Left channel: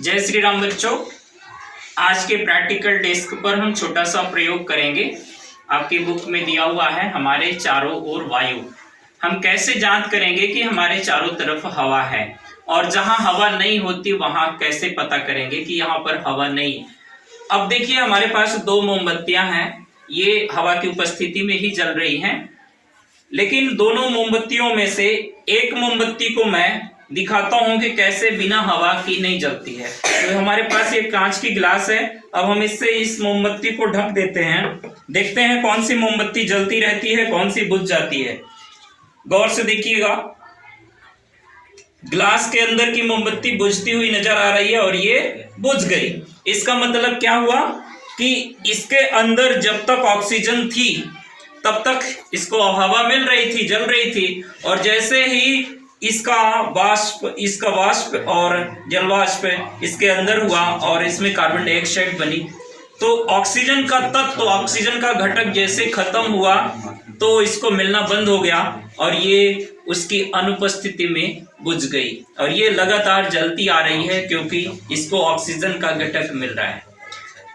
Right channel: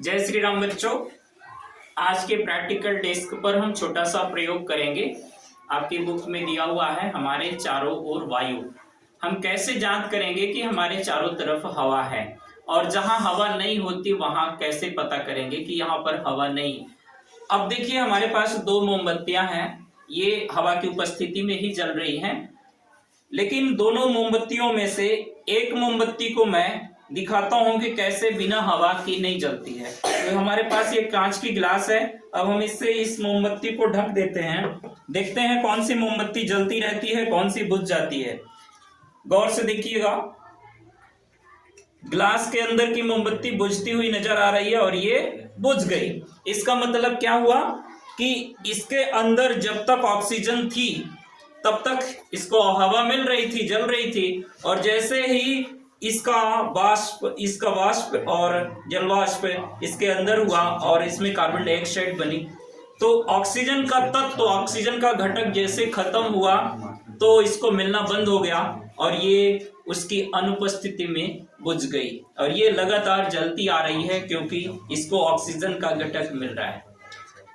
जय श्री राम बच्चों। आज के प्रैक्टिकल डेस्क पर हम छोटा सा प्रयोग करेंगे। आपकी बुक में दिया हुआ है हमारे चारों ओर वायु। हम कैसे जांच करेंगे कि हमारे चारों तरफ हवा है, और जहां हवा नहीं होती वहां कैसे पता करेंगे कि यहाँ पर हवा नहीं है। अब देखिए हमारे पास दो मोमबत्तियां हैं, ये हवा की उपस्थिति में ही जल रही हैं, लेकिन दोनों मोमबत्तियों में से एक मोमबत्ती को मैं दिखाता हूं कि कैसे बिना हवा की नहीं जलती है। तो हमारे पास ये कांच की गिलास है। अब हम इससे इस मोमबत्ती को ढक देते हैं, देखते हैं कौन सी मोमबत्ती जलती रहती है, कौन सी बुझ जाती है। गौर से देखिएगा, गिलास के अंदर की मोमबत्ती बुझती हुई नजर आ रही है और ये बुझ गई। इसका मतलब क्या हुआ कि इसके अंदर जब तक ऑक्सीजन थी तब तक इसको हवा मिल रही थी, जल रही थी, और जैसे ही इसका वाष्प और जलवाष्प इसके अंदर हुआ और इसमें कार्बन डाइऑक्साइड बनी, तो ऑक्सीजन का तत्व, ऑक्सीजन का घटक जैसे खत्म हुआ तो इसको मिलना बंद हो गया और ये उसकी अनुपस्थिति में बुझ गई, और ये लगातार जलती आ रही है क्योंकि इसको ऑक्सीजन का घटक मिल रहा है।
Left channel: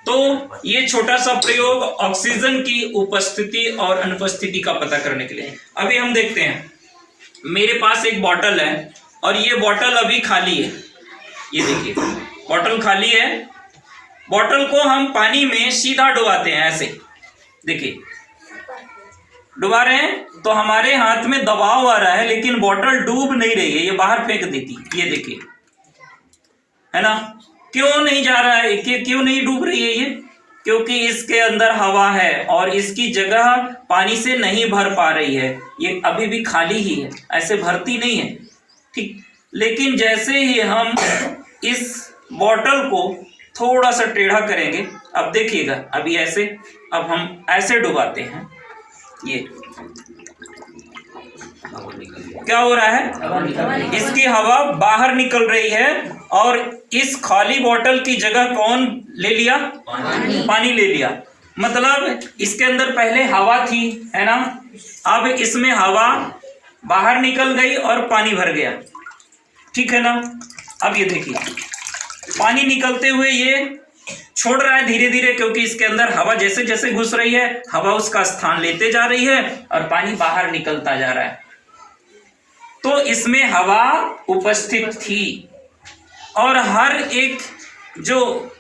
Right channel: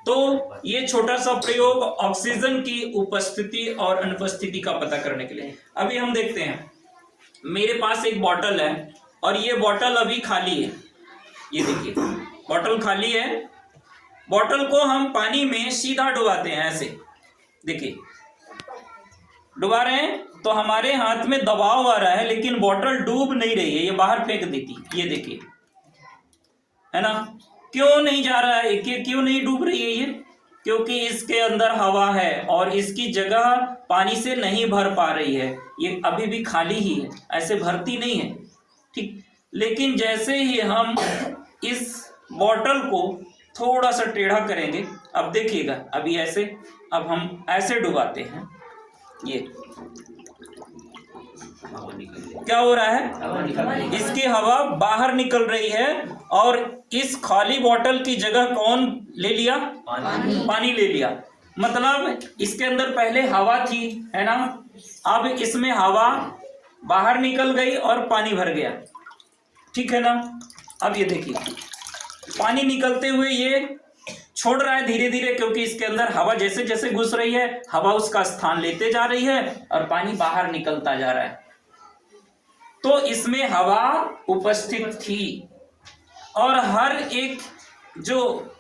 तो ये छोटा सा प्रयोग ऑक्सीजन की उपस्थिति और अनुपस्थिति का पता करने के लिए। अभी हम देखते हैं, मेरे पास एक बॉटल है और ये बॉटल अभी खाली है। ये देखिए बॉटल खाली है। बॉटल को हम पानी में सीधा डुबाते हैं, ऐसे देखिए डुबा रहे हैं तो हमारे हाथ में दबाव आ रहा है, लेकिन बॉटल डूब नहीं रही है, ये बाहर फेंक देती। ये देखिए, है ना, क्यों नहीं जा रहा है, क्यों नहीं डूब रही है ये? क्योंकि इसके अंदर हवा है और इसकी जगह पानी से नहीं भर पा रही है, ये अभी भी खाली ही है, ऐसे भरती नहीं है, ठीक। लेकिन जैसे ही हम इस बॉटल को थोड़ा सा टेढ़ा करेंगे, अब देखिएगा, अभी ऐसे, अब हम ऐसे डुबाते हैं, ये क्या हो रहा है, इसकी हवा बाहर निकल रही है और इस खाली बोतल की जगह कौन ले लिया? पानी ले लिया। मतलब इसके अंदर पहले हवा थी, है ना, अब इसमें हवा बाहर निकल गई और पानी भर गया, ठीक है ना। अब ये देखिए पानी निकलते हुए ये छोड़ रहा है धीरे धीरे, क्योंकि इसके अंदर हवा जैसे जैसे घुस रही है हवा उसका स्थान लेते जा रही है और पानी बाहर निकलता जा रहा है। तो इसमें हवा उपस्थित थी और हर एक जो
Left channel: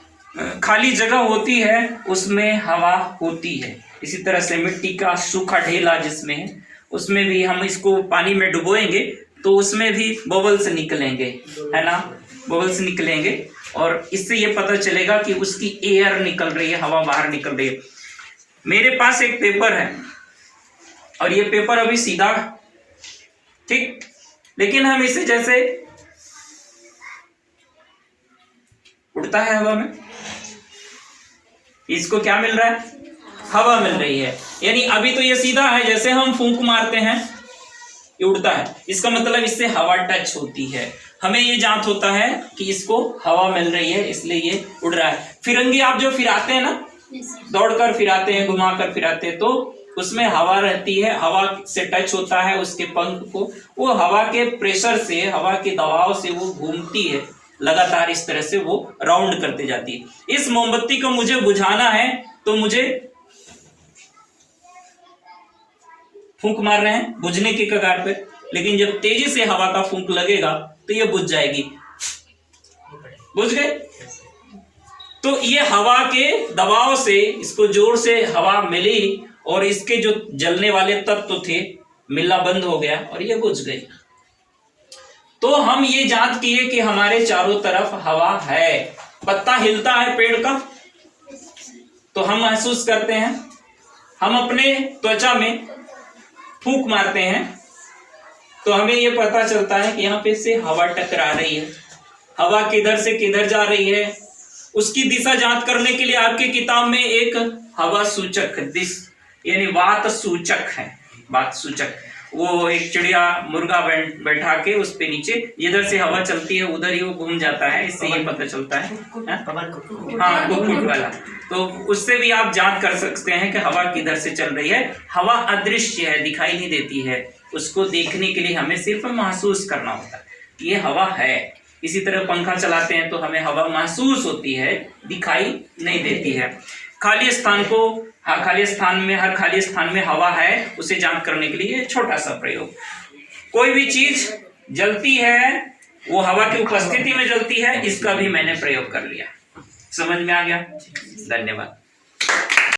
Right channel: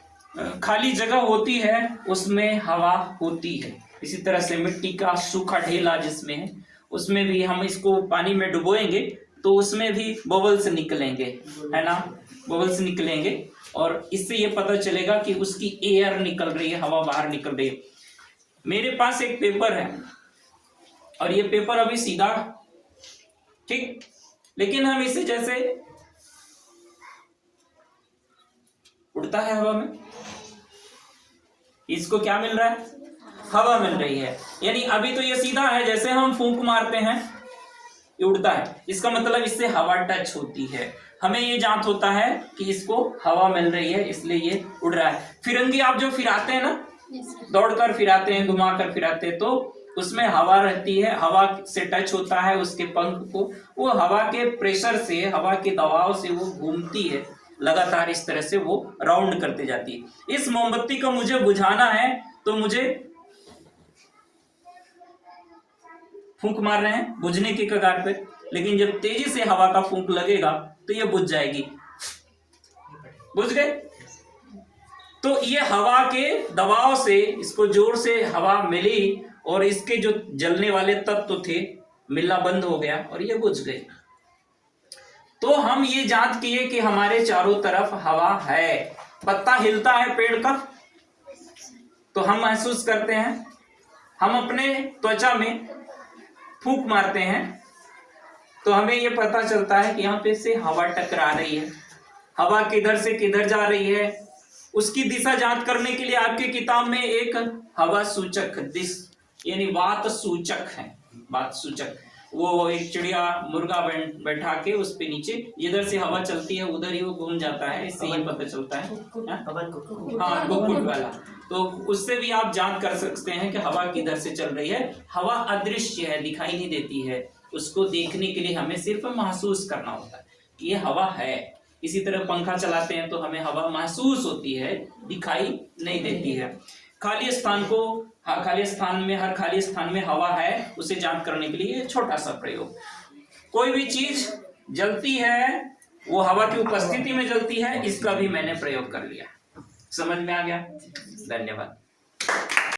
खाली जगह होती है उसमें हवा होती है। इसी तरह से मिट्टी का सूखा ढेला जिसमें है, उसमें भी हम इसको पानी में डुबोएंगे तो उसमें भी बबल्स निकलेंगे, है ना, बबल्स निकलेंगे, और इससे ये पता चलेगा कि उसकी एयर निकल रही है, हवा बाहर निकल रही है। मेरे पास एक पेपर है और ये पेपर अभी सीधा, ठीक, लेकिन हम इसे जैसे उड़ता है हवा में, इसको क्या मिल रहा है? हवा मिल रही है। यानी अभी तो ये सीधा है, जैसे हम फूंक मारते हैं ये उड़ता है, इसका मतलब इससे हवा टच होती है। हमें ये जांच होता है कि इसको हवा मिल रही है इसलिए ये उड़ रहा है। फिरंगी आप जो फिराते हैं ना, दौड़कर फिराते हैं, घुमाकर फिराते हैं, तो उसमें हवा रहती है, हवा से टच होता है उसके पंख को, वो हवा के प्रेशर से, हवा के दबाव से वो घूमती है लगातार, इस तरह से वो राउंड करते जाती है। इस मोमबत्ती को मुझे बुझाना है तो मुझे फूंक मार रहे हैं बुझने की कगार पे, लेकिन जब तेजी से हवा का फूंक लगेगा तो ये बुझ जाएगी। बुझ गए? तो ये हवा के दबाव से, इसको जोर से हवा मिली और इसके जो जलने वाले तत्व थे मिलना बंद हो गया और ये बुझ गई। तो हम ये जांच किए कि हमारे चारों तरफ हवा है। पत्ता हिलता है पेड़ का तो हम महसूस करते हैं, हम अपने त्वचा में फूंक मारते हैं तो हमें ये पता चलता है कि यहाँ पे से हवा टकरा रही है। हवा किधर से किधर जा रही है उसकी दिशा जांच करने के लिए आपकी किताब में एक हवा सूचक यानी वात सूचक है। वात सूचक वो एक चिड़िया मुर्गा बैठा के उस पे नीचे जिधर से हवा चलती है उधर ही वो घूम जाता है, इससे ये पता चलता है। हाँ, कुक्कुट वाला। तो उससे भी आप जांच कर सकते हैं कि हवा किधर से चल रही है। हवा अदृश्य है, दिखाई नहीं देती है, उसको देखने के लिए हमें सिर्फ महसूस करना होता है। ये हवा है, इसी तरह पंखा चलाते हैं तो हमें हवा महसूस होती है, दिखाई नहीं देती है। खाली स्थान को हर खाली स्थान में हवा है उसे जांच करने के लिए छोटा सा प्रयोग। कोई भी चीज जलती है वो हवा की उपस्थिति में जलती है, इसका भी मैंने प्रयोग कर लिया। समझ में आ गया? धन्यवाद।